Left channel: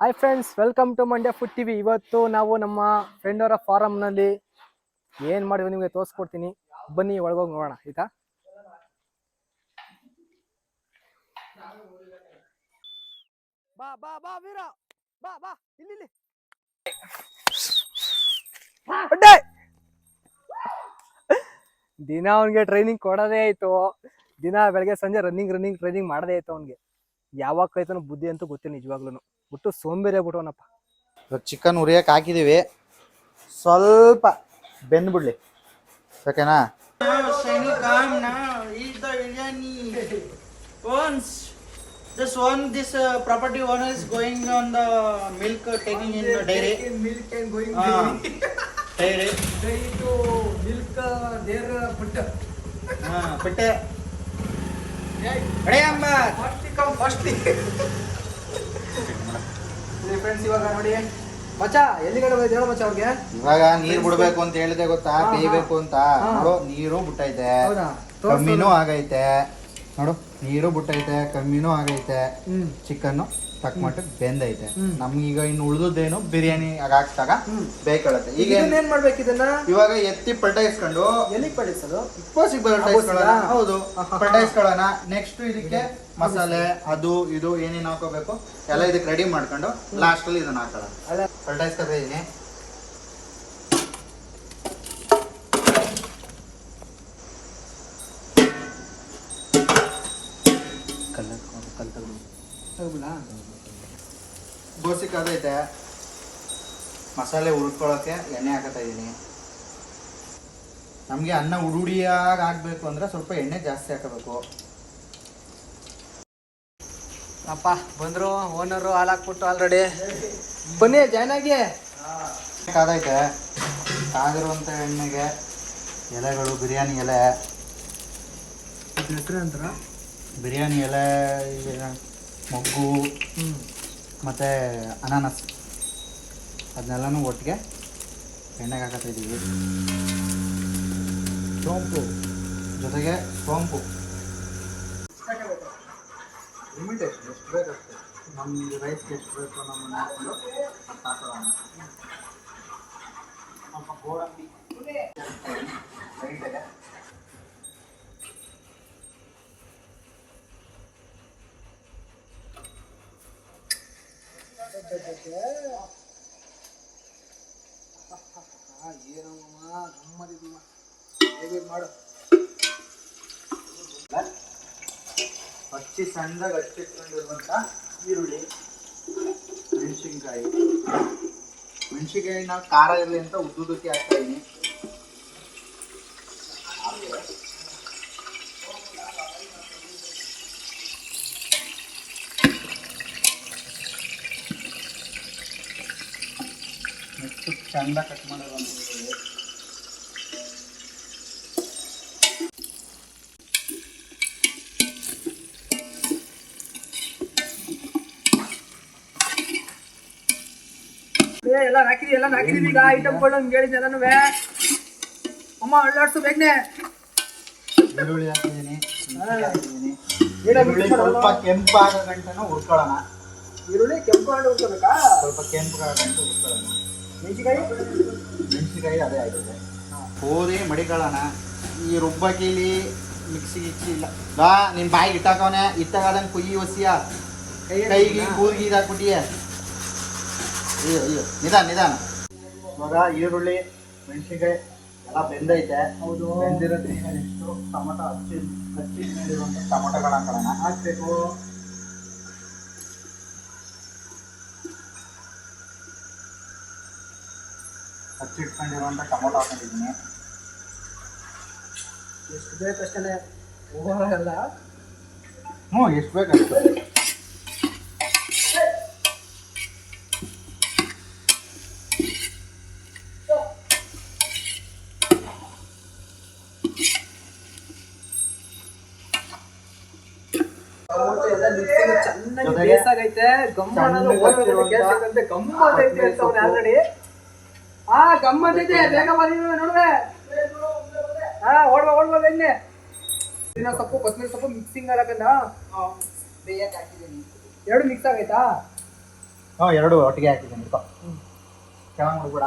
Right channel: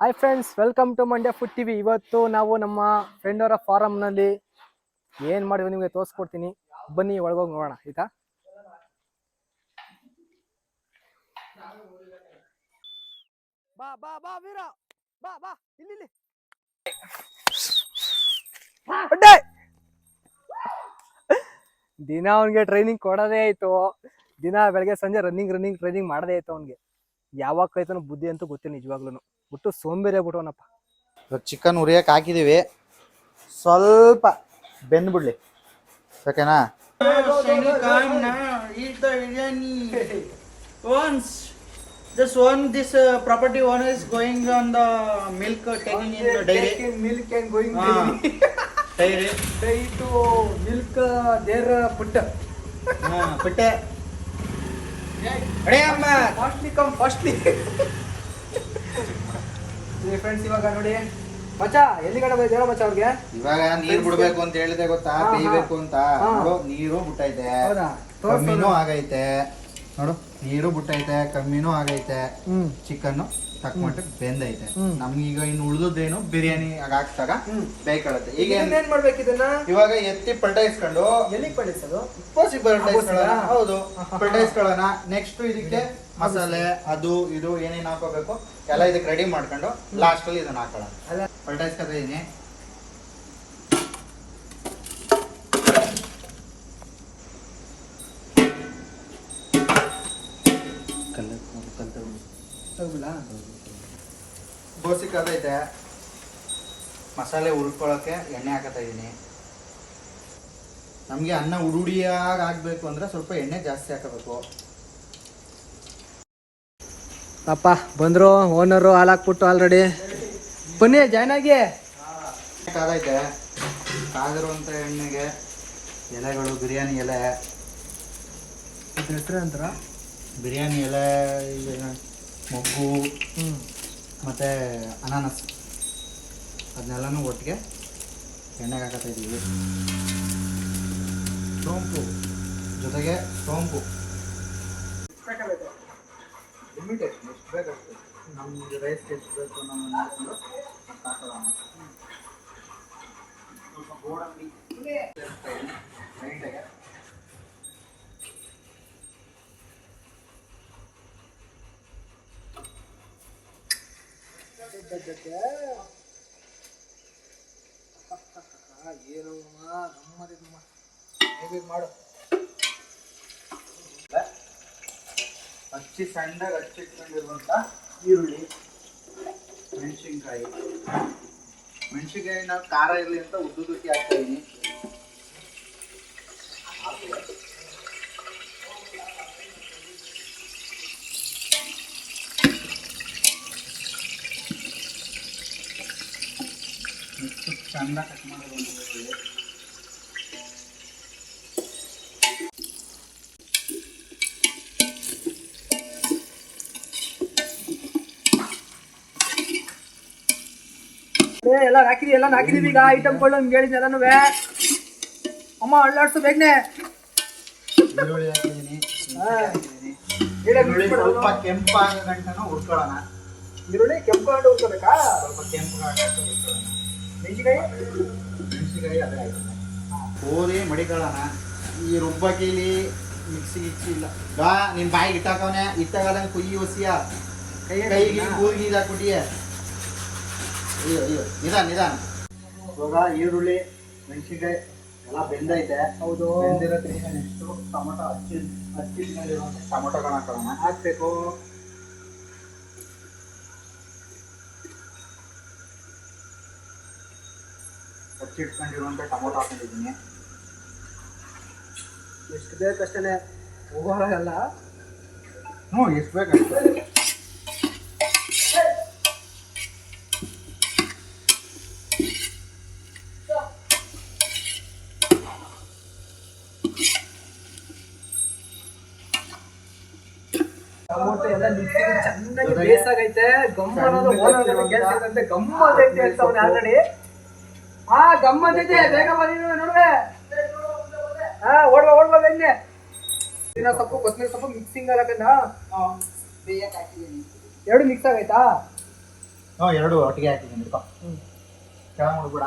Hi friends welcome to Mandya food TV ಇವತ್ತು ನಾವು ನಮ್ಮ ಫ್ರೆಂಡ್ ಅವರ ಫಾರಮ್ನಲ್ಲಿ ಏನು ಮಾಡಿದ್ವಿ ನಿಮಗೆ ತೋರಿಸ್ಕೊಡ್ತೀನಿ. ಬನ್ನಿ, ಒಳಗೋಗಿ ನೋಡೋಣ. ಆಯ್ತಾ? ಬಾ ಬಾ ಬಾ, ವೀರ. ಬಾ ಬಾ, ಇಲ್ಲಿ! ದಿನ ಅವನಿಗೆ ಟ್ರೈನಿಂಗ್ ಕೊಡೋದೇ ಆಯ್ತು. ದಿನ ಬೆಳಗ್ಗೆ ಸಂಜೆ ರನ್ನಿಂಗ್ ರನ್ನಿಂಗ್ ಟ್ರೈನಿಂಗ್ ಮಾಡದೇ ಆಯ್ತು ಅವನಿಗೆ. ಯಾವಾಗ ಕೈತನ ಬುದ್ಧಿ ಅಂತೂ ಗೊತ್ತಿಲ್ಲ ನಿಜವಾಗ್ಲೂ ಬಿಟ್ಟು ಸೋಂಬೇರಿ ಆಗ್ಬಿಟ್ಟವನಪ್ಪ ಇವಾಗ ಚಿಕನ್ ಉರಿಯಕ್ಕೆ ಹಾಕಿದೀವಿ ಸ್ವಲ್ಪ ಬೆಂದ್ಬಿಡ್ಲಿ ಓಕೆನಾ Eat the biryani. Once this one, this uh, property owner is going on the milk uh, taking in the dairy. Ah, dairy. Milk there ಪುಟ್ಟ Ah, bitte. Ready, amma? Fastly come fastly friends ಇವಾಗ ನೋಡಿ. ಮಚ್ಚ ಎಲ್ಲಿ ಕಡೆ ಮಚ್ಚ ಅವ್ರಿಗೆ? ಇವಾಗ ನೀರ್ ಬಿಡ್ಬೇಕು ಅಂತ ಹೇಳಿದೆ ಗೊತ್ತಾ. ಬೇಯ್ಬೇಕು ಅಂತ. ನೋಡು ನೀರು ಬಿಟ್ಟೈತೆ. ಹೌದಾ? ಕಮ್ಮಿನೂ ಆಗೈತೆ. ನೋಡು ನೀರು ಬಿಟ್ಟೈತೆ ಕಮ್ಮಿನೂ ಆಗೈತೆ. ಹ್ಮ್. ಚಿಕನ್ ತಕ್ಕ ಮಟ್ಟಿಗೆ ಬೆಂದೈತೆ. ನಮ್ಗೆ ನಮ್ಗೀಗ ಇನ್ನು ಉಳಿದೇನು ಬಿರಿಯಾನಿ ಹಾಕ್ಸಾಗ ಬೇಕಾಗುತ್ತೆ. ಈಗ ಈಗ ಏನ್ ಮಾಡ್ಬೇಕು ಇದನ್ನ? ಇವಾಗ ಎತ್ತಿ ಪಲ್ಟಾಯಿಸ್ಕೊಂಡು ಎಲ್ಲಿ ಪಡಿಸೋದು ಕೋಸಿಗೆ ಪಲ್ಟಾಯಿಸ್ಕೊಳ್ಳೋಣ. ಹೌದು. ಪಲ್ಟಾಯಿಸ್ಕೊಳ್ಳೋಣ ನೆಕ್ಸ್ಟ್ ಇದಕ್ಕೆ ಮಸಾಲೆ ಅದು ಇದು ಏನೇನು ಹಾಕೋಬೇಕು ಎಲ್ಲ ಇದಕ್ಕೆ ರೆಡಿ ಮಾಡ್ಕೊಂಡು ಲಾಸ್ಟ್ ಅಲ್ಲಿ ಇದನ್ನ ಹಾಕೋಣ. ಅಲ್ಲ. ಪಲ್ಟಾಯಿಸ್ಕೊತಾ ಇದೀನಿ. ಅದೈತೆ ಮಸಾಲೆ ಹುರ್ಕೊಳ್ಳೋಕ್ಕೆ ಎಣ್ಣೆ ಹಾಕತಾ ಇದ್ದೀನಿ ನಮಗೆ ಅನ್ನ ಉಡುಡಿಯಾಗಿ ಆಗಬೇಕು ಅಂದ್ರೆ ಸ್ವಲ್ಪ ಎಣ್ಣೆ ಜಾಸ್ತಿ ಹಾಕಬೇಕು. ಅಪ್ಪ ಬಂದರು ಓನರು ಹಾಲು ಹಾಕ್ಬಿಟ್ಟು ಆಲ್ರೆಡಿ ಬನ್ನಿ ಜಾಯ್ನ್ ಆಗಿ. ಕಾದೈತೆ ಕಾಗಿರುವಂಥ ಎಣ್ಣೆಗೆ ಎಲೆಗಳು ಬಿರಿಯಾನಿ ಎಲೆ. ಅಂತಾರ ಬಿರಿಯಾನಿ ಎಲೆ ಮೊಗ್ಗು. ಮತ್ತು ಅನಾನಸ್. ಅದನ್ನೆಲ್ಲನೂ ಒಟ್ಟಿಗೆ ಎಣ್ಣೆಗೆ ಹಾಕತ್ತಾ ಇದ್ದೀವಿ. ಸೋಂಪು. ಜೊತೆಗೆ ಸೋಂಪು. ಲಿಮಿಟೇಷನ್ ಎಷ್ಟು ಬೇಕಷ್ಟು ನಮಗೆ ರೈಸ್ಗೆ ಎಷ್ಟು ಬೇಕು ನಮ್ಮ ಸ್ವಲ್ಪ ಗೋಡಂಬಿ. ಲೈಟಾಗೆ ಮಾಡು ಹಚ್ಚಿ ಸಣ್ಣದಾಗ ಹಚ್ಚಿಟ್ಕೊಂಡಿರುವಂಥ ಈರುಳ್ಳಿ ಮೆಣಸಿನ್ಕಾಯಿ. ಮೆಣಸಿನ್ಕಾಯಿ ನಾವು ಖಾರ ಇರಲಿ ಅಂತ ಉದ್ದುದಕ್ಕೆ ಹಾಕ್ತಾ ಇದೀನಿ ನೆಕ್ಸ್ಟ್ ಚಂದ ಕಟ್ ಮಾಡೋದು ಅಂತ ಏ, ಎಲ್ಲ ಹಾಕಿದಿ ಎಲ್ಲ ಹಾಕಿದೀವಿ ಈಗ ಐಟಮ್ಗಳು ನಿಮ್ಗೆ ಹೇಳಿದ್ದೆ ಎಲ್ಲನೂ ಅಮ್ಮ ಅಳ್ಳಾಡ್ಸು ಬೇಗನೆ. ಈರುಳ್ಳಿ ಹಾಕಿದ್ದೀನಿ ಈರುಳ್ಳಿ? ಸ್ವಲ್ಪ ಕೆಂಪಾಗೋ ಗಂಟನೂ ಹುರ್ಕೊಳ್ಳೋಣ ಈರುಳ್ಳಿ ಕೆಂಪು ಉಳ್ಕೋಬೇಕಾ? ಸ್ವಲ್ಪ ಕೆಂಪು ಗಂಟು ಹುರ್ಕೊಳ್ಳೋಣ ಮೆಣಸಿನಕಾಯಿ? ಮೆಣಸಿನಕಾಯಿ ಅದೇ ಆಗಿದೆ ಕೋರಿ ಮಡಿಕೊಳ್ಳೋಣ ಈ ರುಬ್ಬಕಿಲಿ ಮಿಕ್ಸಿ ಗಿಕ್ಸಿ ಇಲ್ಲ. ಬಾ ನಿಮ್ಮ ಬಾಯಿಗೆ ಇಟ್ಟಾಕವನೆ. ಇಟ್ಟಾಗದಂಗೆ ಕುಯ್ಯಿ ಒಸಿಯ ಕೈಗೆ ಕೂರ್ಗಿ ಇದಾಕ್ಬಿಟ್ಟಿಯೆ ಅಯ್ಯೋ ಅಯ್ಯೋ. ನಿಧಾನ ನಿಧಾನ. ಇವಾಗ ಈರುಳ್ಳಿ ಮೆಣಸಿನ್ಕಾಯಿ ಎಲ್ಲ ಬೆಂದೈತೆ. ಹೌದು. ಬೆಂದಿರೋದ್ರಿಂದ ನೆಕ್ಸ್ಟು ಟೊಮೊಟೊ ಹಚ್ಚಿ ಹಚ್ಚಿದ್ಮೇಲಿರುವಂಥ ಟೊಮೊಟೊಗಳನ್ನ ಹಾಕೊಳ್ಳೋಣ ಹಾಕ್ಬೇಕು. ಹಚ್ಚಿಟ್ಕೊಂಡಿರುವಂಥ ಟೊಮೊಟೊ ಹಾಕೊಂಡಿದ್ದೀನಿ. ಎಷ್ಟು ಬೇಕಷ್ಟೇ ಹೋಗೋಲ್ಲ ಹ್ಞೂ ಎಷ್ಟು ಬೇಕಷ್ಟು ಚೆನ್ನಾಗಿ ಬೇಸಾಗೈತೆ. ಗಮ್ಮ ಹಾಕಿರುವಂತ ಕೆಲ್ಸಕ್ಕಂತೆ ಗಮ್ಮತ್ತೈತೆ ಅಂತ ಅವ್ನು ಆಲ್ರೆಡಿ ಹಾ ಇದೆ ಬೇಗ ಬಂದಿದ್ದೀವಿ ನೋಡುವೆ. ಹಾ ಓಡ್ಬ ಓಡ್ಬಾ ಬೆನ್ನೆ ದಿನ ಸೊಪ್ಪು ಕೊತ್ತಂಬರಿ ಸೊಪ್ಪು ಮಿಕ್ಸಿಂಗ್ ಹಾಕಂದ ಬೇಯಕ್ಕೆ ಹಾಕಿದ್ದೀನಿ ಎರಡು ಮಿಕ್ಸ್ ಆಗೈತಾ ಹಾ ಎರಡು ಒಟ್ಟಿಗೆ ಹಾಕಿದ್ದೀನಿ ಚೆನ್ನಾಗಿ ಮುಡ್ಬೇಡ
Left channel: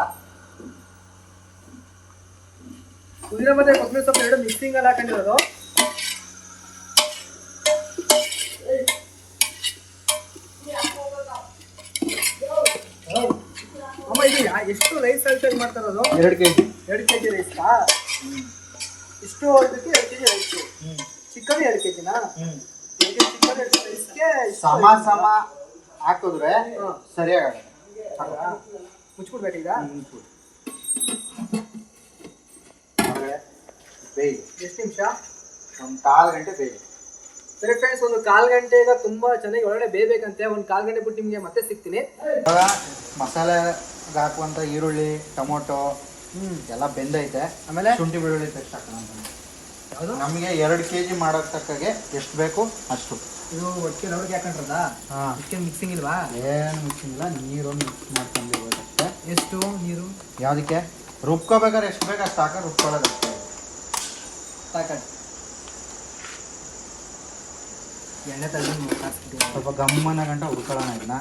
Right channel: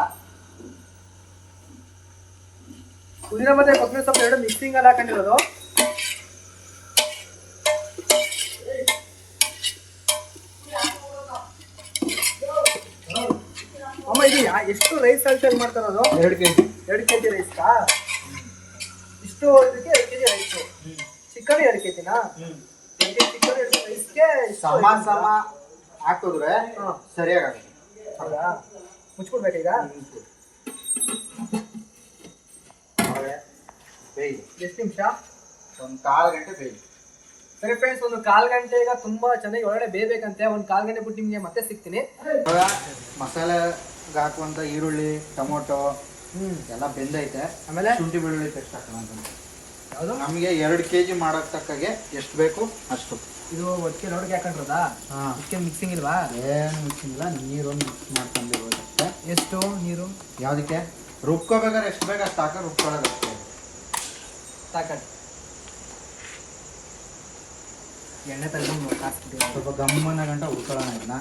ಪುದೀನ ಮತ್ತೆ ಕೊತ್ತಂಬರಿ ಸೊಪ್ಪು ಎರಡು ಮಿಕ್ಸಿಂಗ್ ಅಲ್ಲಿ ಹಾಕೊಂಡಿರೋದು ಅಮ್ಮ ಎಷ್ಟು ರೈಸ್ ಅಳತೆಯಲ್ಲಿ ಮಾಡ್ತಾರೋದು ಎರಡು ಕೆ ಜಿ ಎರಡು ಕೆ ಜಿ ರೈಸ್ಗಾ ಇಷ್ಟು ಇದಕ್ಕೆ ಎರಡು ಕೆ ಜಿ ರೈಸು ಚಿಕನ್ ಎರಡು ಕೆ ಜಿನಾ ಕೆ ಚಿಕನ್ ಎರಡು ರೈಸ್ಗೆ ಸಮ ಸಮ ಹಾಕಿದ್ರೆ ಸರಿಯಾಗುತ್ತೆ ಹೌದಾ? ಮುಚ್ಕೊಡ್ಬೇಕೀಗ ಬೇಯಿ ಎಷ್ಟು ನಿಮಿಷ? ಒಂದು ಕಾಲು ಗಂಟೆ ಬೇಯಿ ಸರಿ ಫ್ರೆಂಡ್ಸ್ ಒಂದು ಕಾಲು ಗಂಟೆ ಈಗ ತುಂಬ ಚೆನ್ನಾಗಿ ಒಳಗಡೆ ಬೇಯಬೇಕಂತೆ. ಒಂದು ಕಾಲು ಗಂಟೆ ಬಿಟ್ಟು ನಿಮಗೆ ಮತ್ತೆ ಸಿಗ್ತೀನಿ. ಇವಾಗ ಹಾಕುವಂಥ ಈರುಳ್ಳಿ ಟೊಮೊಟೊ ಹ್ಮ್. ಎಲ್ಲ ಬೆಂದೈತೆ. ಆಮೇಲೆ? ಶುಂಠಿ ಬೆಳ್ಳುಳ್ಳಿ ಪೇಸ್ಟ್ ಹಾಕೋಣ ಯಾವುದು? ನಮಗೆ ಎರಡು ಕೆ ಜಿ ಮಾಡೋಕ್ಕೆ ತಕ್ಕಾಗೆ ಎಷ್ಟು ಬೇಕು ಅಷ್ಟು. ಇದು ಒಟ್ಟಿಗೆ ನೋಡಿಗೆ ಹಾಕೊಂಡ್ರದ ಇದಕ್ಕೆ ಮಿಕ್ಸಿಂಗ್ ಇಲ್ವಾ? ಏನು ಮಿಕ್ಸಿಂಗಿಲ್ಲ ನೀರು ಮಿಕ್ಸ್ ಮಾಡ್ಕೊಂಡಿರೋದಕ್ಕೆ ಎಷ್ಟು ನೀರು? ಯಾವುದಕ್ಕೆ? ರುಬ್ಕೋಬೇಕಾದ್ರೆ ಎಷ್ಟು ಬೇಕು ಅಷ್ಟು ಹಾಕಿ ರುಬ್ಕೊಳ್ಳೋದು ಅಷ್ಟೇ. ಸಾಕಟ್ ಎಣ್ಣೆ ತಗೊಂಡು ಸ್ವಲ್ಪ ಗಮ್ಮನ ಗಂಟ ಉಳ್ಕೊಳ್ಳೋಣ ಇದನ್ನ.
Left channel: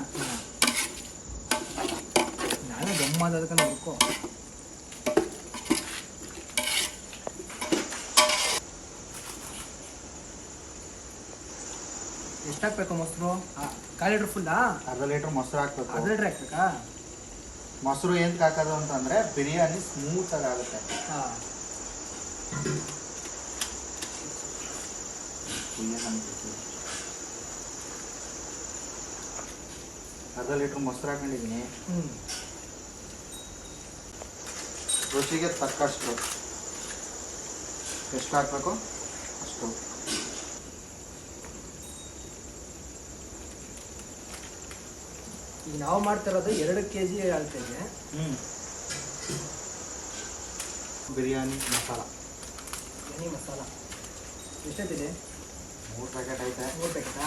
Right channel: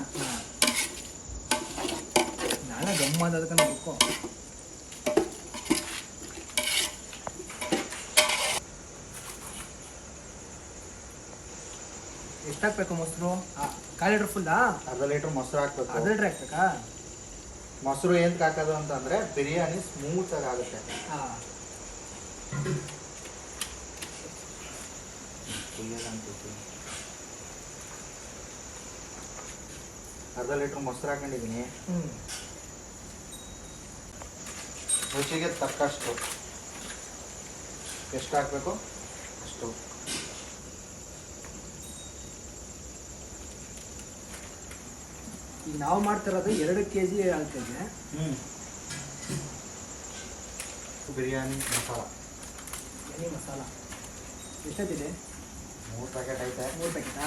ಗಮ್ಮ ಅದಕ್ಕೆ ನೋಡ್ಕೊ ಎಷ್ಟು ಹಾಕ್ಬೇಕು ಮೊಸರು? ಕಾಲು ಲೀಟ್ರ್ ಫುಲ್ಲಾ ಅರ್ಧ ಲೀಟ್ರ್ ಮೊಸರು ಹಾಕ್ಬೇಕು. ಅರ್ಧ ಲೀಟ್ರ್ ಹಾಕ್ಬೇಕಾ? ಮೊಸರು ಏನಕ್ಕೆ ಹಾಕೋದು ಅಂತಂದರೆ ಬಿರಿಯಾನಿ ಸ್ಮೂತ್ ಆಗಿ ಆಗುತ್ತೆ. ಹಾಂ. ಅರ್ಧ ಲೀಟ್ರ್ ಮೊಸರು ಹಾಕೊಂಡಿದ್ದೀನಿ ಹ್ಞೂ ರುಚಿಗೆ ತಕ್ಕಷ್ಟು ಎಷ್ಟು ಹಾಕಬೇಕು? ಅಷ್ಟು. ಈಗ ನಾವು ಮಾಡ್ತಿರೋದು ಎರಡು ಕೆ ಜಿ ಅಳತೆಗೆ ಹ್ಞೂ ಬಿರಿಯಾನಿ ಮಸಾಲ. ಬಿರಿಯಾನಿ ಮಸಾಲ. ಎಷ್ಟೊತ್ತಿದೆ? ಮೂರು ಪ್ಯಾಕೆಟ್ ಐತೆ. ಮೂರು ಪ್ಯಾಕೆಟಾ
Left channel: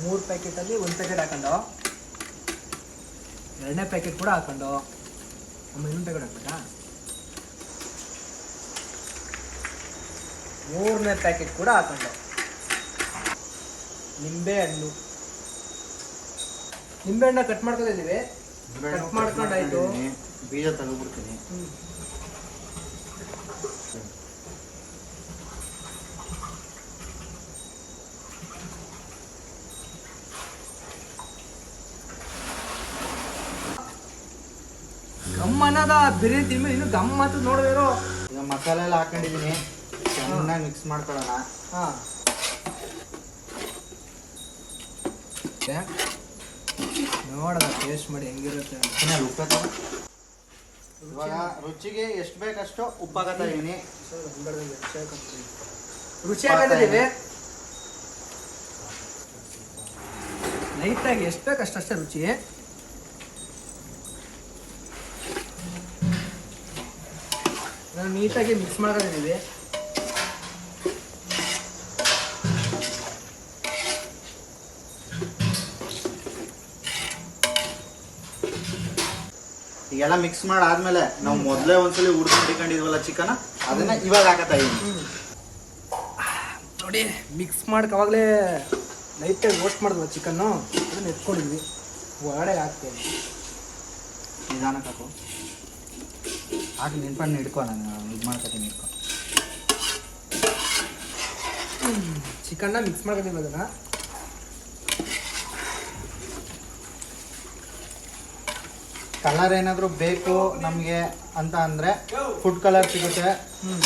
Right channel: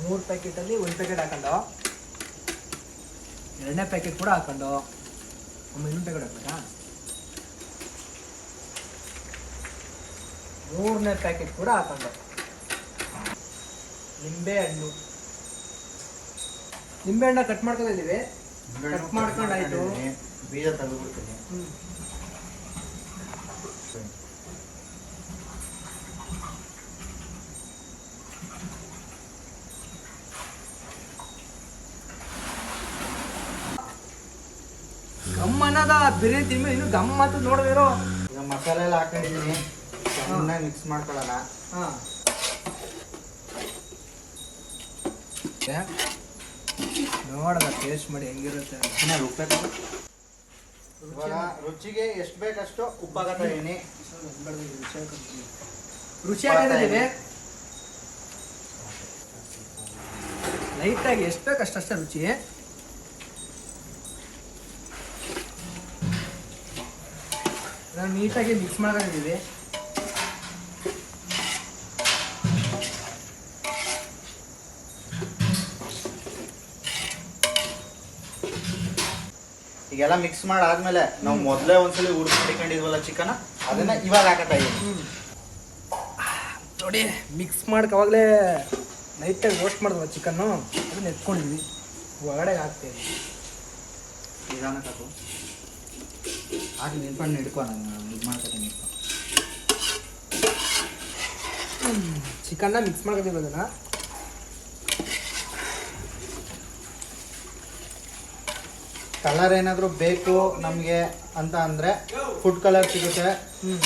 ಮೂರು ಪ್ಯಾಕೆಟಲ್ಲಿ ಒಂದು ಪ್ಯಾಕೆಟ್ ಹಾಕೊಂಡು ಎರಡನೇ ಪ್ಯಾಕೆಟ್ ಕೂಡ ಹಾಕೊಂಡು ಒಮ್ಮೆ ಇನ್ನೊಂದು ಪ್ಯಾಕೆಟ್ ಹಾಕ್ಬೇಕಾ? ಮೂರನೇ ಪ್ಯಾಕೆಟ್ ಕೂಡ ಹಾಕೊಂಡು. ನಿಂಬೆ ಹಣ್ಣು. ನಿಂಬೆ ಹಣ್ಣ ಕಟ್ ಮಾಡ್ಕೊಂಡಿದ್ದೀವಿ. ಕಟ್ ಮಾಡ್ಕೊಂಡಾಯ್ತು ಬೀಜ ತೆಗೆದ್ಬಿಡ್ತೀನಿ ಹ್ಞೂ ಗಮ್ಮನದ ಬಿರಿಯಾನಿ ತಿನ್ಮೇಲೆ ಇನ್ನು ಗಮ್ ಅಂತ ನೋಡಿದಿರೋ ಈಗ ಮಸಾಲೆ ಎಲ್ಲ ಹಾಕೊಂಡಿದ್ದೀನಿ. ಚೆನ್ನಾಗಿ ಮಿಕ್ಸ್ ಮಾಡ್ಕೊಳ್ಳೋಣ. ಹಾಂ. ನೋಡೋಣ ಟೇಸ್ಟ್ ಮಾಡಿ ಹೆಂಗಿರುತ್ತೆ ಉಪ್ಪು. ಇವಾಗ ರುಚಿಗೆ ಎಷ್ಟು ಬೇಕಷ್ಟು ಉಪ್ಪಾಗತ್ತೀನಿ ಹಾಕತ್ತಾ ಇದೀನಿ. ರುಚಿ ಹಾಕೊಂಡಿದ್ದೀವಿ. ಲೈಟಾಗಿ ಎಷ್ಟು ಬೇಕು ಅಷ್ಟೇ ರುಚಿ. ನಾವು ನೀಟಾಗಿ ಮಿಕ್ಸ್ ಮಾಡ್ಕೊಂಡಿದ್ದೀವಿ ಈಗೆಲ್ಲ ಮಿಕ್ಸ್ ಮಾಡಾದ್ಮೇಲೆ ನಾವು ಮೊದಲೇ ಒಂದ್ಸಲಿ ಉಡ್ದು ಮಾಡಿಕೊಂಡಿದ್ವಲ್ಲ ಚಿಕನ್? ಅದನ್ನ ಇವಾಗ ಹಾಕತ್ತಾ ಇದೀನಿ. ನೋಡಿ ಮಿಕ್ಸ್ ಮಾಡಕ್ಕೆ ಅವಾಗಲೇ ಲೈಟಾಗಿ ರೋಸ್ಟ್ ಮಾಡಿದ್ವ ಚಿಕನ್ನು ಅದನ್ನ ಎತ್ಕೊಂಡಿದ್ವಿ. ಒಳಗಡೆ ಹಾಕ್ತೇವೆ ನಿಧಾನಕ್ಕೆ ಹಾಕು. ಹಾಕಿ ನೆನ್ಪಣ್ಣ ಹಿಡ್ಕೊ ನಾನು ಇದು ಮಾಡ್ಕೊತೀನಿ ಹಿಡ್ಕೊ. ಚಿಕನ್ನ ಮಿಕ್ಸ್ ಮಾಡ್ಕೊತೀನಿ ಅದನ್ನು ಕಲರ್ ಏನಾದರೂ ಬೇಕು ನಮಗೆ ಅಂತ ಅಂದರೆ ಫುಡ್ ಕಲರ್ ಸಿಗುತ್ತೆ. ಹ್ಞೂ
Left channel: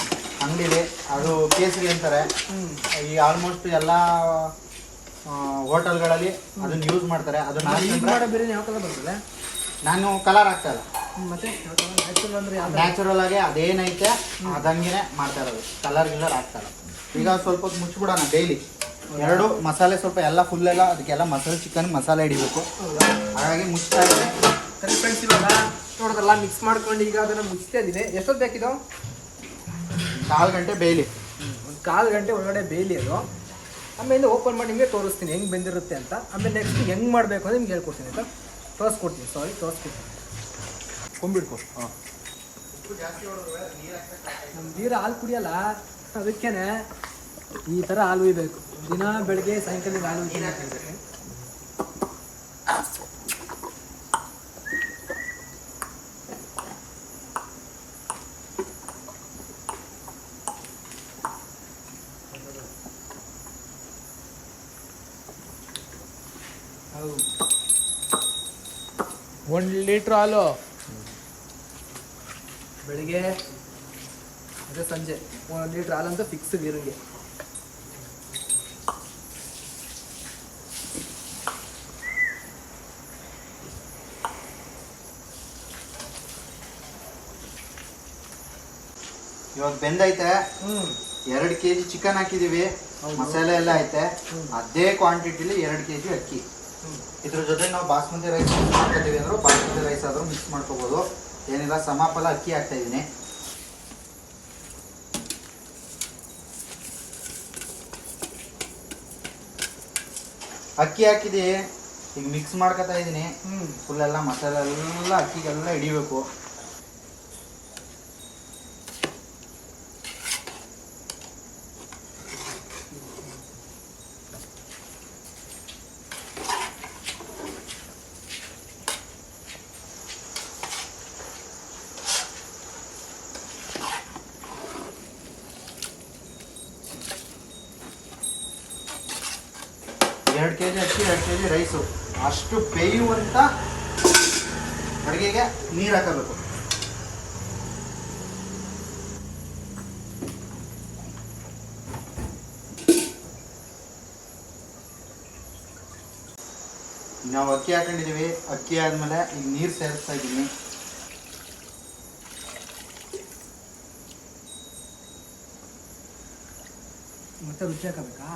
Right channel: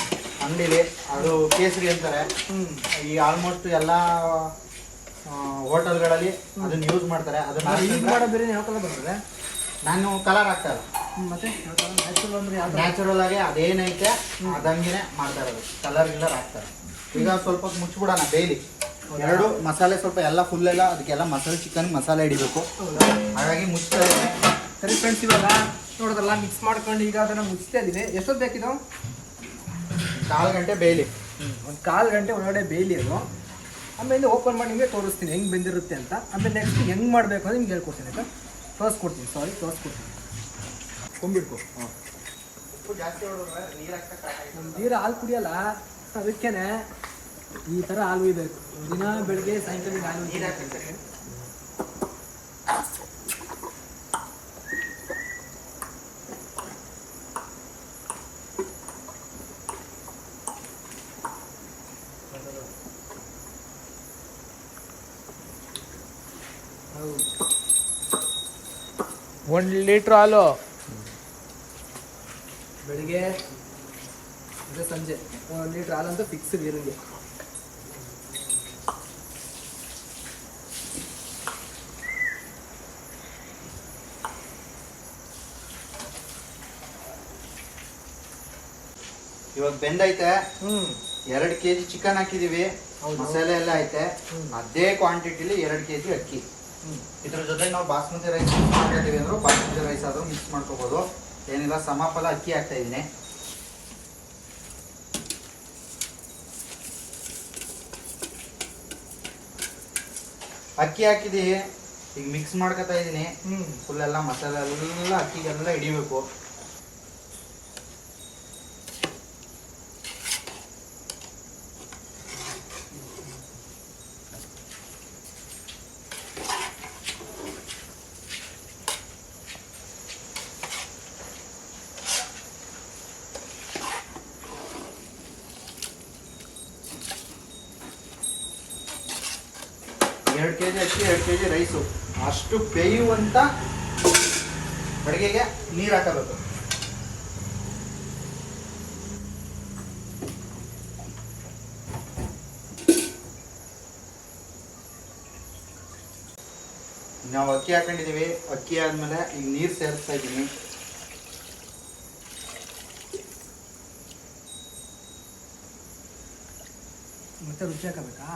ಅಂಗಡಿಲಿ ಅದು ಕೇಸರಿ ಅಂತಾರೆ. ಹ್ಞೂ ಈ ಆಲ್ಮೋಸ್ಟ್ ಎಲ್ಲ ಹೋಟೆಲ್ಗಳಲ್ಲಿ ಅದನ್ನ ಯೂಸ್ ಮಾಡ್ತಾರೆ. ಅದನ್ನ ನಾನು ಕಲರ್ ಹಾಕ್ತಾ ಇಲ್ಲ. ನ್ಯಾಚುರಲ್ ಆಗಿ ಅದೇನೈತೆ ಅದಂಗೆ ಮಾಡ್ತಾ ಇರೋದು. ಕಲರ್ ಗಿಲ್ಲರ್ ಹಾಕ್ತಾರೆ ಈಗ ಸ್ವಲ್ಪ ಮುಚ್ಚಿಬಿಡೋಣ ಡೈಲಿ ಎರಡು ಮಸಾಲೆ ಸ್ವಲ್ಪ ಎಲ್ಲ ಫುಲ್ ಎಲ್ಲ ಅದಕ್ಕೆಲ್ಲ ಮಸಾಲೆ ಚಿಕನ್ ಮಸಾಲೆ ಹಿಡಿಬೇಕು. ಹಾಗಾಗಿ ಮುಚ್ತಾ ಇದ್ದೀನಿ. ಸರಿ ಫ್ರೆಂಡ್ಸ್ ಇವಾಗ ನೋಡೋದಲ್ಲ ಮಿಕ್ಸ್ ಮಾಡ್ಕೊಂಡು ಈಗ ಅದನ್ನು ಮುಚ್ತಾ ಇದ್ದೀನಿ. ಎಷ್ಟೊತ್ತು ಬೇಕಿದು? ಕಾಲು ಗಂಟೆ ಬೇಯಲಿ ಒಂದು ಕಾಲು ಗಂಟೆ ಒಳಗಡೆ ಬೇಯಲಿ ಅದು. ಆಮೇಲೆ ಓಪನ್ ಮಾಡಿ ನಿಮಗೆ ತೋರಿಸ್ತೀನಿ ಹೆಂಗೆ ಬೆಂದಿರುತ್ತೆ ಅಂತ. ಆಮೇಲೆ ನೆಕ್ಸ್ಟ್ ಹೆಂಗೆ ಮಾಡಬೇಕು ಅಂತ ನಿಮ್ಗೆ ಹೇಳ್ಕೊಡ್ತೀನಿ ಆಯಿತಾ? ತೋರಿಸ್ಕೊಡ್ತೀನಿ ಸಾರಿ ತೋರಿಸ್ಕೊಡ್ತೀನಿ. ಕೊಂಬಿಡ್ಕೊ ಹಾಂ. ನಮ್ಮ ನೀರು ಹಾಲು ಕುಡಿಯಲ್ಲ, ಅದಕ್ಕೇನೆ ಈ ಥರ ಹಾಲು ಉಯ್ಬೇಕು ದಿನ ಬೆಳಗ್ಗೆ ಸಾಯಂಕಾಲ ಹಾಲು ಒಂದು ಲೀಟ್ರ್ ಹಾಲು. ಬೆಳಿಗ್ಗೆ ಅದೇ ಸಂಜೆ ಒಂದು ಲೀಟ್ರ್ ಹಾಲಂತೂ ಫಿಕ್ಸ್ ಇರಂಗೆ ಇವಾಗ ಬೆಂದೈತೆ. ಎರಡು ಕೆ ಜಿ ಚಿಕನ್ ಹಾಕಿದೀವಿ ಮಸಾಲೆ ಎಲ್ಲ ಐತೆ. ಅದೇ ಕ್ವಾಂಟಿಟಿಲಿ ಎರಡು ಕೆ ಜಿ ಅಕ್ಕಿ ಇದ್ರ ಜೊತೆ ನಾವು ಬಾಸ್ಮತಿ ರೈಸ್ ಮಾಡ್ಕೊಂಡಿದ್ದೀವಿ ಅಂದ್ರೆ ಬಾಸ್ಮತಿ ರೈಸ್ ಆದ್ರೂ ಮಿಕ್ಸ್ ಮಾಡ್ಕೋಬೋದು. ಏನಿಲ್ಲ ಸಮಫಲ ಅಕ್ಕಿ ಹಾಕ್ತಾ ಇದ್ದೀನಿ. ಅಕ್ಕಿ ಹಾಕಿದೆ ಈಗ ಮಿಕ್ಸ್ ಮಾಡ್ಕೊತಾ ಇದ್ದೀನಿ. ಹ್ಞೂ ಫುಲ್ ಎಲ್ಲ ಮಸಾಲೆ ಎಲ್ಲ ಅಕ್ಕಿಗೆಲ್ಲ ಹಿಡಿಬೇಕು ಎರಡು ಕೆ ಜಿ ಅಕ್ಕಿ ಎರಡು ಕೆ ಜಿ ರೈಸು ಅಷ್ಟು ಬೇಯುವಂಥ ಅಡುಗೆಗೆ ನೀರು ಹಾಕಬೇಕು. ನಾವು ಅಕ್ಕಿ ಹಾಕೊಂಡಿದ್ದೀವಿ. ಅಕ್ಕಿ ಆದ್ಮೇಲೆ ಈಗ ನೀರು ಸೇರಿಸ್ತಾ ಇದ್ದೀನಿ. ಮತ್ತೆ ರುಚಿ ಹಾಕಬೇಕಾ?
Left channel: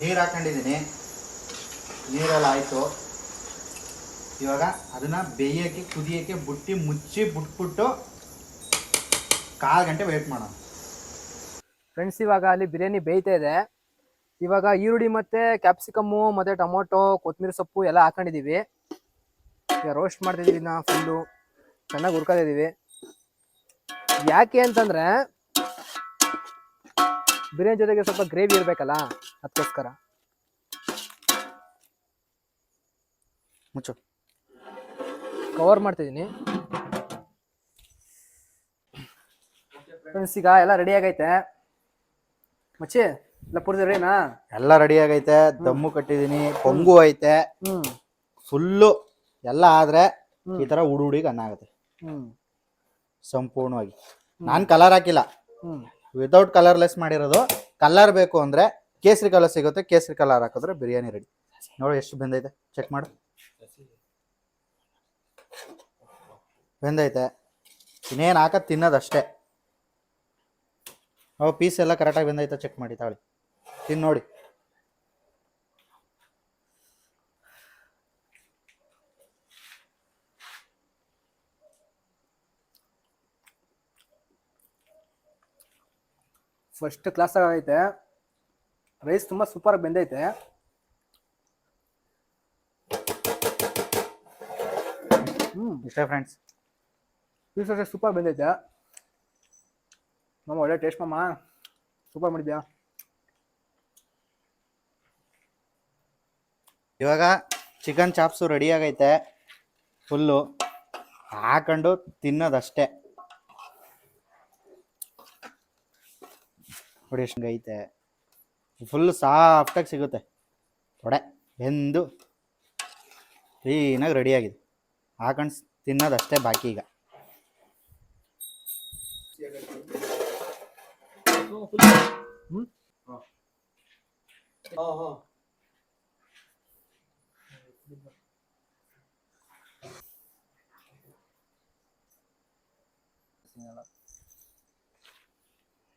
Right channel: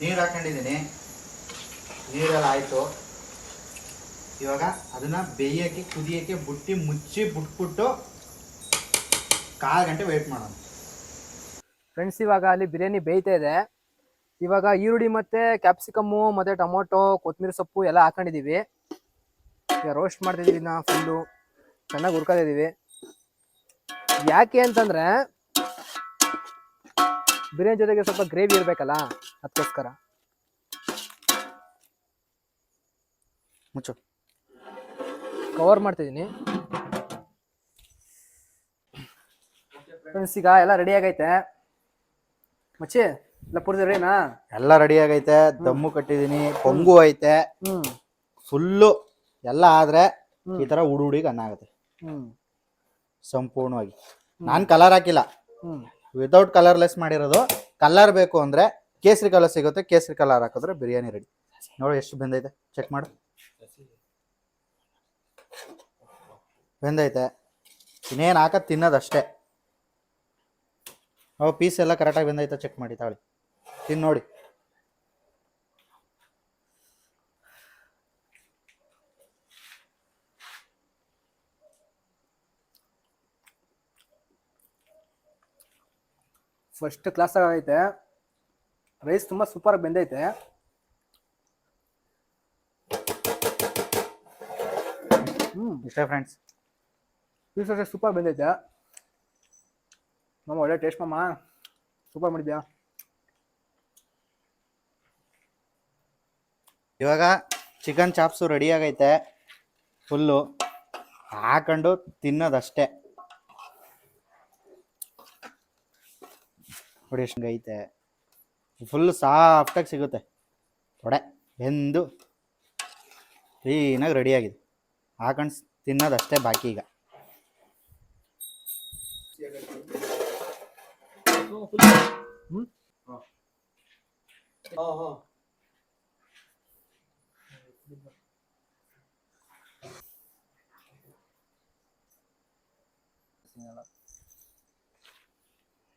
ನೀರು ಹಾಕೊಂಡಿದ್ದೀನಿ. ನೀರೆಲ್ಲ ಆಯಿತು ಇವಾಗ ಅದನ್ನು ಬೇಯೋಕ್ಕೆ, ಕುದಿಯೋಕ್ಕೆ ಬುಟ್ಟಿ ಮುಚ್ಚಿ ಬಿಟ್ಬಿಟ್ಟು ಕಾಲು ಗಂಟೆ ವೆಯ್ಟ್ ಮಾಡೋಣ. ಫ್ರೆಂಡ್ಸ್ ಇವಾಗ ಅಲ್ಲಿ ಬಿರಿಯಾನಿ ಬೇಯ್ತಾ ಇದೆ. ಇವಾಗ ಈರುಳ್ಳಿ ಮತ್ತು ಕ್ಯಾಪ್ಸಿಕಮ್ಮು ಮತ್ತು ಟೊಮೊಟೊ ಕೊತ್ತಂಬರಿ ಸೊಪ್ಪು ಎಲ್ಲ ಹಾಕೊಂಡಿದ್ದೀವಿ ಈಗ ರೋಸ್ಟ್ ಮಾಡ್ತಿದ್ದೀವಿ ನಾ ಫುಲ್ಲು ಚೆನ್ನಾಗಿ ಹುರ್ಕೊಂಡಿದ್ದೀವಿ ಯಾಕೆ ಅಂತಂದ್ರೆ ಬಿರಿಯಾನಿ ಜೊತೆಗೆ ಸ್ವಲ್ಪ ಗ್ರೇವಿ ಇರಬೇಕಲ್ಲ? ಅದಕ್ಕೋಸ್ಕರ. ಮುಚ್ಚು. ಕವರ್ ಮಾಡ್ತಿದ್ದೀನಿ. ಫ್ರೆಂಡ್ಸ್ ಈಗ ಎಲ್ಲ ರೆಡಿ ಆಗೈತೆ? ಮಚ್ಚಿ ಎಲ್ಲ ಪೂರ್ತಿ ರೆಡಿನಾ ಎಲ್ಲ ರೆಡಿ ಆಗೈತೆ ದಮ್ಮು ಕಟ್ಟಿದೀನಿ ಪೊಂಗು ಐತೆ. ಹ್ಮ್. ಫುಲ್ಲು ಎಲ್ಲ ಆದ್ರೆ ಈ ತರ ಹುಡು ಹುಡಿಗೆ ಅನ್ನ ಆಗುತ್ತೆ ಹ್ಮ್. ಸಂಪೂರ್ಣವಾಗಿ ನಾನು ಕಲರ್ ಹಾಕಿಲ್ಲ. ಹ್ಮ್. ವಿತೌಟ್ ಕಲರ್ಲೆಸ್ ಮಾಡಿರೋದು. ಕಲರ್ ಬೇಕು ಅಂದ್ರೆ ಕೇಸರಿ ಕಲರ್ ಸಿಗುತ್ತೆ. ಕೇಸರಿ ಕಲರ್ ಹಾಕಿದ್ರೆ ಬಿರಿಯಾನಿ ರೆಡಿ ನೋಡಿ ಎಷ್ಟು ಬೆಂದೈತೆ. ಚೆಕ್ ಮಾಡು. ಬೆಂದೈತೆ. ಇನ್ನೇನು ಹಾಕೋದು ತಿನ್ನೋದಷ್ಟೇ ಅವು ಪೀಸ್ ಎಲ್ಲ ಕರೆಕ್ಟಾಗಿ ಬೆಂದೈತೆ. ಚೆಕ್ ಮಾಡಿ ತಾಳಿ. ತಿನ್ ನೋಡಿ. ಫಸ್ಟ್ ಕ್ಲಾಸ್ ಆಗೈತೆ. ರೈಸ್ ತುಂಬ ಸೂಪರ್ ಬೆಂದೈತೆ. ಹ್ಞೂ ಇಷ್ಟೇ ಫ್ರೆಂಡ್ಸ್ ಪೀಸ್ ಅಷ್ಟೇ ಸೂಪರ್ ಬೆಂದೈತೆ. ಮಾಮ ಒಳ್ಳೆ ಟೇಸ್ಟ್ ಮಾಮ. ಸೂಪರ್ ಮಾಡಿದ್ಯಾ? ಇವಾಗ ಚಿಕನ್ ಚಾಪ್ಸು ರೆಡಿ ಆಗೈತೆ. ಫುಲ್ಲು ಹಾಕೊಂಡು ತಿನ್ನೋದಷ್ಟೇ. ನೋಡಿ ಎಷ್ಟು ಐತೆ. ಫುಲ್ ಸಾಫ್ಟಾಗಿ ಸಿಗುತ್ತೆ. ತೊಡೆ ಬೆಂದು ಕ್ಲೀನಾಗಿ ರೆಡಿಯಾಗಿದೆ ಹಾಕೊಂಡು ತಿನ್ನೋದಷ್ಟೇ ಬಾಕಿ ಈಗ.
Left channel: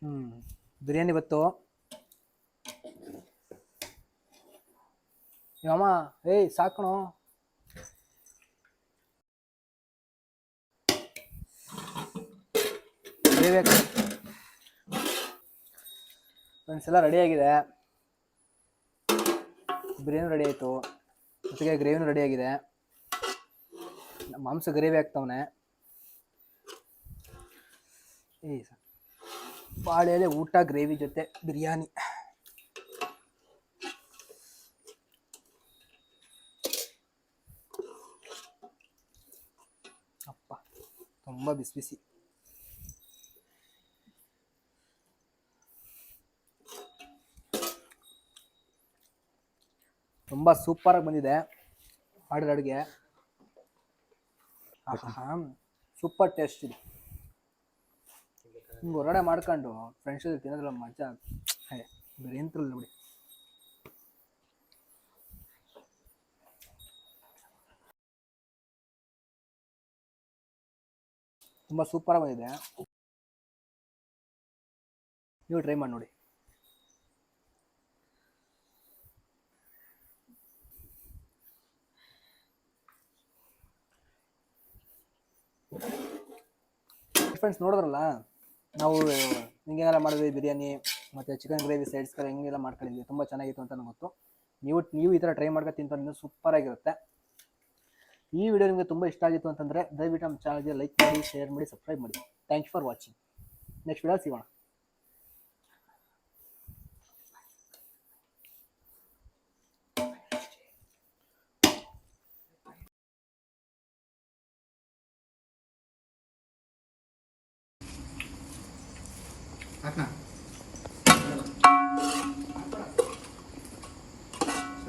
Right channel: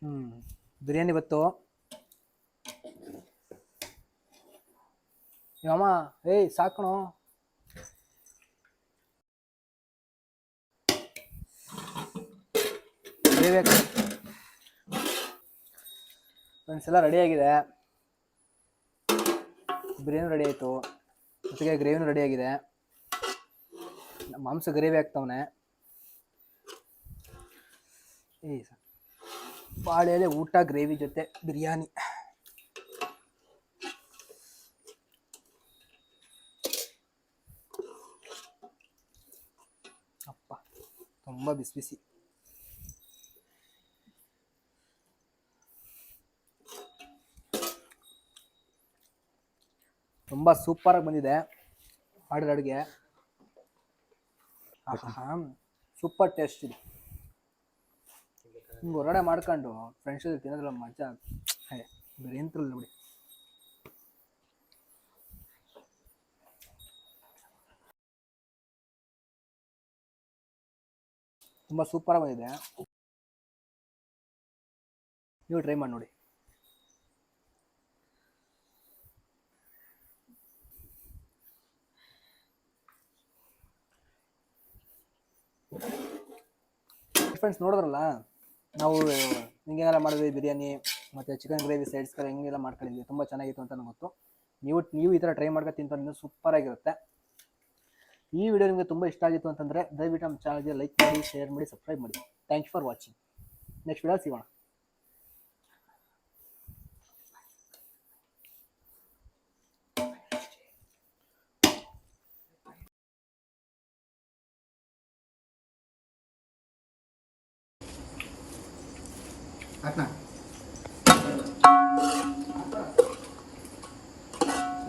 ಹ್ಞೂ ಬಿರಿಯಾನಿ ಬತ್ತು ಅಮ್ಮ ಏಯ್ ಸಾಕಣೋ ಎಲ್ಲ ರೆಡಿ ಆಗಿದೆ. ಬಿರಿಯಾನಿ ರೆಡಿ ಆಯಿತು. ಜೊತೆಗೆ ಗ್ರೇವಿನೂ ರೆಡಿ ಆಗಿದೆ. ಮಾಂಸ ಗ್ರೇವಿ ಆಗ್ತಾವನೆ ಏ ಸ- ಬಾಳೆ ಎಲೆ ಊಟ, ಗ್ರೇವಿ ಜೊತೆ ಬಿರಿಯಾನಿ. ಅಪ್ಪ, ತುಂಬ ಬಿಸಿ ಬಿಸಿ. ತುಂಬ ಸೂಪರಾಗಿ ಬಂದಿದೆ ಮಾಡಿದ ಅಡುಗೆ. ಸೂಪರ್ ಟೇಸ್ಟ್ ಇದೆ. ಹಿಂಗೆ ಹೊರಗಡೆ ಮಾಡ್ಕೊಂಡು ಫ್ರೆಂಡ್ಸ್ ಜೊತೆ ತಿನ್ನೋದ್ರಲ್ಲ ಮಜಾ. ಹೇ, ಬೇರೆ ಎಂತ್ರಲ್ಲ ಬಿಡಿ. ತುಂಬ ಸೂಪರಾಗಿ ಬಂದಿದೆ. ನೀವು ಟ್ರೈ ಮಾಡಿ ನೋಡಿ. ಫ್ರೆಂಡ್ಸ್ ನೋಡಿದ್ರಲ್ಲ? ನಾವು ಹಿಂಗೆಲ್ಲ ಮಾಡಿದ್ವಿ ಬಿರಿಯಾನಿ, ಮತ್ತು ಚಿಕನ್ ಗ್ರೇವಿ ಸೈಡ್ಸ್ ಕಡೆ ಹಿಂಗೆಲ್ಲ ಮಾಡ್ಕೊಂಡಿದ್ವಿ. ತುಂಬ ಚೆನ್ನಾಗಿತ್ತು ಅಂತ ನನಗೆ ಗೊತ್ತು. ನೀವು ನೀವು ಈ ಥರ ಟ್ರೈ ಮಾಡ್ಕೊ ತಿಂತ ಇನ್ನೂ ಸೂಪರಾಗಿರುತ್ತೆ ಈ ವಿಡಿಯೋ ನಿಮಗೆ ತುಂಬ ಇಷ್ಟ ಆಗಿತ್ತು ಅಂತಂದರೆ ದಯವಿಟ್ಟು ನಮ್ಮ ಚಾನಲ್ಗೆ ಲೈಕ್ ಮಾಡಿ ಶೇರ್ ಮಾಡಿ ಸಬ್ಸ್ಕ್ರೈಬ್ ಮಾಡಿ. Thank you for watching next video ಸಿಗೋಣ.